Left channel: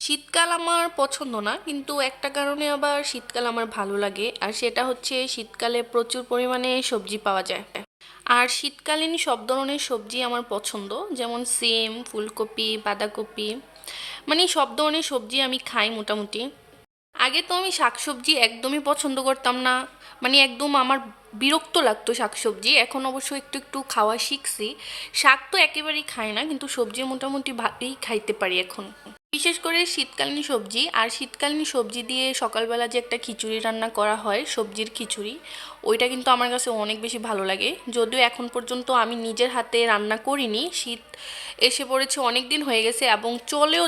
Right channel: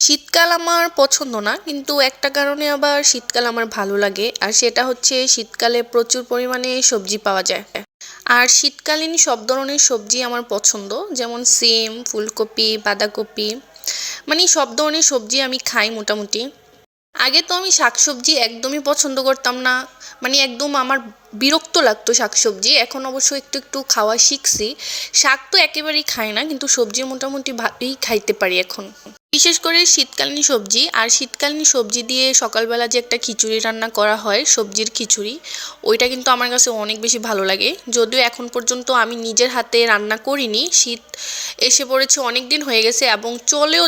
শীতকাল আমার পছন্দ না, কিন্তু একটা কারণে আবার শীতকাল আমার ভালো লাগে, আর সেটা হচ্ছে শীতকালে প্রচুর পরিমাণে সবজি পাওয়া যায়। আর শীতকালীন সব ধরনের সবজি আমার পছন্দ, যেমন সিম, ফুলকপি, বাঁধাকপি, মানে সব ধরনের সবজি আমি খাই মোটামুটি। আগে তো আমি শাকসবজি একদমই পছন্দ করতাম না, মানে একদম আমার বিরক্ত লাগতো শাকসবজি। এখন অবশ্য একটু একটু খাওয়া শিখছি। শাক তো একেবারেই খাই না, কিন্তু সবজি মোটামুটি ভালোই খাইতে পারি এখন। বিশেষ করে শীতকালীন সবজি, আর শীতকালীন সবজি দিয়ে সকালবেলা যে একটা খিচুড়ি রান্না করা হয়, সবজির খিচুড়ি, ওইটা কিন্তু আমার কাছে অনেক বেশি ভালো লাগে। যদিও এখন পর্যন্ত আমি নিজের হাতে রান্না করিনি, শীত এসে পড়েছে, অনেক দিন হয়ে গেছে এবং চলে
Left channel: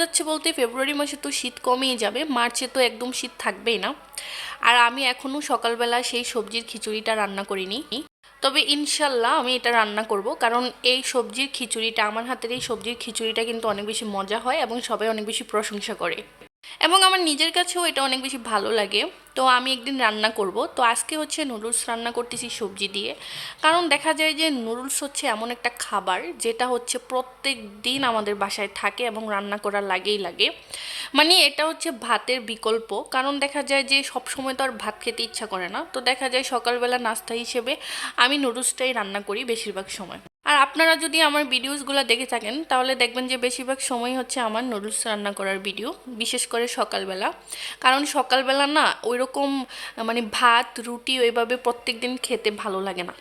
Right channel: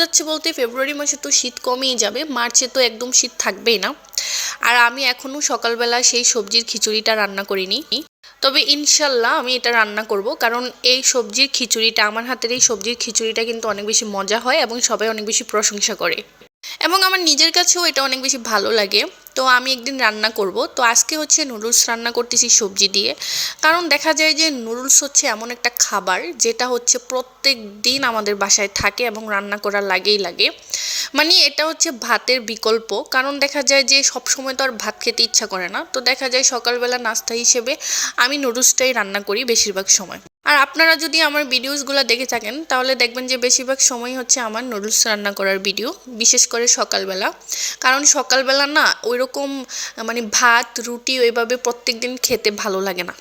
যাচ্ছে বলতে ফেব্রুয়ারি মাসে তো শীত কমেই যাবে, মার্চে তো একদম শীত থাকবেই না। আর আমি এখনও সকালবেলা সেই সবজির খিচুড়িটা রান্না করিনি। তবে ইনশাল্লাহ আমি এটা রান্না করব, কারণ এই সবজির খিচুড়িটা, আমার হাতের এই সবজির খিচুড়িটা কিন্তু অনেক বেশি মজা হয় এবং সবাই অনেক বেশি প্রশংসা করে, এবং আমার নিজের কাছেও এটা অনেক বেশি ভালো লাগে। তো আমি একদিন রান্না করব। তো আজকে হচ্ছে নুডলস রান্না করতেছি সবজি দিয়ে। কারণ দেখা যায় যে নুডলস হচ্ছে এমন একটা খাবার যেটা হচ্ছে প্রত্যেক দিন আমাদের বাসায় থাকে এবং রান্না করা লাগেই লাগে। মানে এটা হচ্ছে ভাতের বিকল্প, কারণ দেখা যায় যে সব সময় তো আর ভাত খেতে ইচ্ছা করে না, তো দেখা যায় সকালবেলা নাস্তা হিসেবে আমি নুডলসটাই রান্না করি বেশিরভাগ সময়। আর আপনারা যদি আমার ভিডিওসগুলো দেখে থাকেন তাহলে দেখবেন যে বেশিরভাগ সময় হচ্ছে আমার নুডলস রান্না করার ভিডিও, বিশেষ করে সকালবেলা। কারণ সকালবেলা না ওই রকম মানে ভাত রুটি ওইভাবে প্রত্যেক দিন খেতে ভালো লাগে না।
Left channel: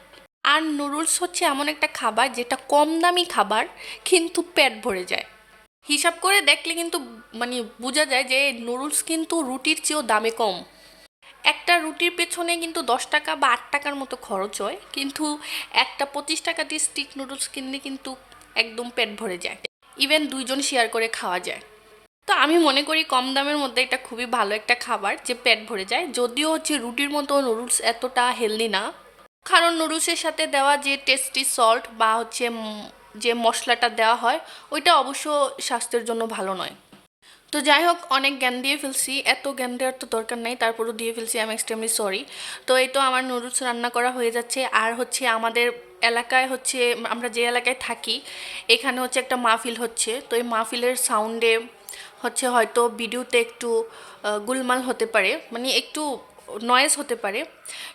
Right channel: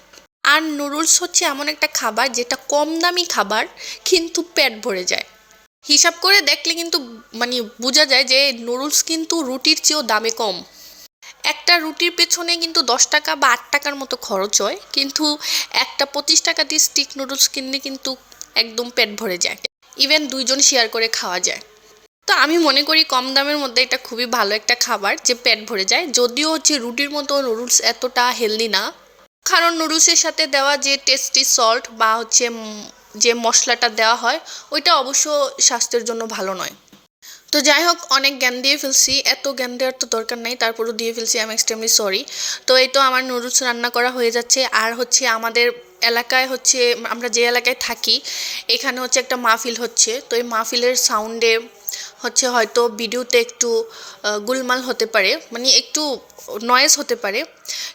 আর নুডলস হচ্ছে এমন একটা খাবার যেটা কম দামি খাবার, কিন্তু পেট ভরে যায়। হিসাব করে দেখলে কিন্তু মানে বোঝা যায় যে নুডলস কিন্তু রুটির চেয়েও দামে কম। একটা রুটির পেছনে কিন্তু 10 টাকা বা 8 টাকার মতো খরচ হয়, কিন্তু একটা 25 টাকা দিয়ে স্টিক নুডলস কিনলে কিন্তু একদম পেট ভরে যায়। ইভেন দুইজন শেয়ার করে খাওয়া যায়। তো আমি মনে করি কম দামের মধ্যে এটা খুবই ভালো একটা খাবার যে পেট ভরে যায়। যদিও হচ্ছে রুটির মতো নুডলস এতটা হেলদি না, কারণ নুডলসের সাথে দেওয়া যে টেস্টি সল্ট বা হচ্ছে যে মশলাটা দেওয়া হয়, ওইটা অবশ্য স্বাস্থ্যের জন্য ভালো নয়। তো যাই হোক, অনেক জ্ঞান দিয়ে ফেলছি, এত জ্ঞান দেওয়ার তো দরকার নেই, তারপরও দিয়ে ফেলছি, আই এম এক্সট্রিমলি সরি। তো এই তো আমার নুডলস রান্না করা হয়ে যাচ্ছে। আর হচ্ছে আমাদের এলাকায় হচ্ছে, আমরা যে এলাকায় থাকি এখানে হচ্ছে একটা মাহফিল হচ্ছে। তো এই মাহফিলের সাউন্ডে হচ্ছে হয়তো ভিডিওতে একটু গোলমাল হতে পারে, মানে একটু নয়েজ হতে পারে,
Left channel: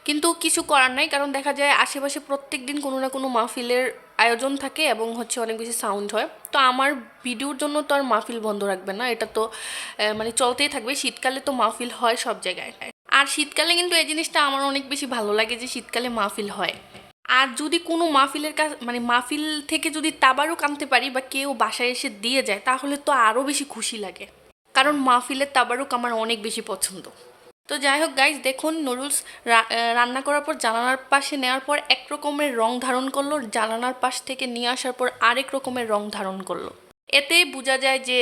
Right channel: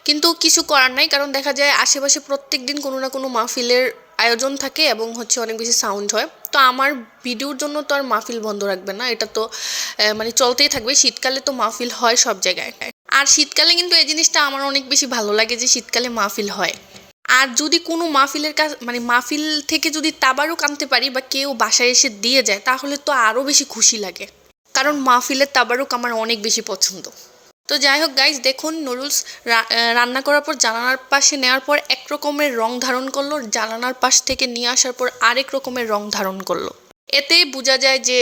কিন্তু কিছু করার নাই, কারণ দেখা যায় আশেপাশে প্রত্যেক দিন কোনো না কোনো মাহফিলের আয়োজন থাকে এবং হচ্ছে অনেক বেশি সাউন্ড হয়। তো আমার ভিডিওর জন্য তো আর মাহফিল বন্ধ রাখবে না, এটা তো মানে চলতেই থাকবে। শীতকালে তো মাহফিল হয় সব জায়গায়। আর শীতকালে কিন্তু এই জিনিসটা আমার অনেক বেশি ভালো লাগে যে শীতকালে মাহফিল হয়। আর যদি কোনো মাহফিলের কাজ মানে মাহফিল থেকে যদি তাবারুক আনতে পারি বা কেউ বাসায় এসে দিয়ে যায়, তাহলে তো আরও বেশি খুশি লাগে, কারণ মাহফিলের তাবারুক আমার অনেক বেশি পছন্দ। তো যাই হোক গাইজ, দেখুন নুডলস রান্না করার পর জানালার পাশে নেওয়ার পর এক রকমের রং ধারণ করলো, জানালার পাশ থেকে নিয়ে আসার পর আরেক রকমের রং ধারণ করলো। এতেই বোঝা যায় যে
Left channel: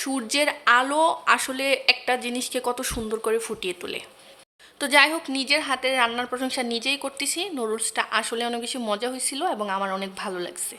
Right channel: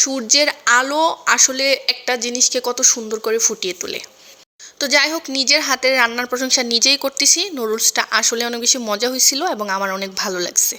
সূর্যের আলো আসলে একটা জিনিসকে কত সুন্দর করে ফুটিয়ে তোলে। তো যাই হোক, নিজের হাতের রান্নার প্রশংসা নিজেই করতেছি। নুডলসটা আসলে অনেক বেশি মজা হয়েছিল এবং আমার অনেক ভালো লাগছে।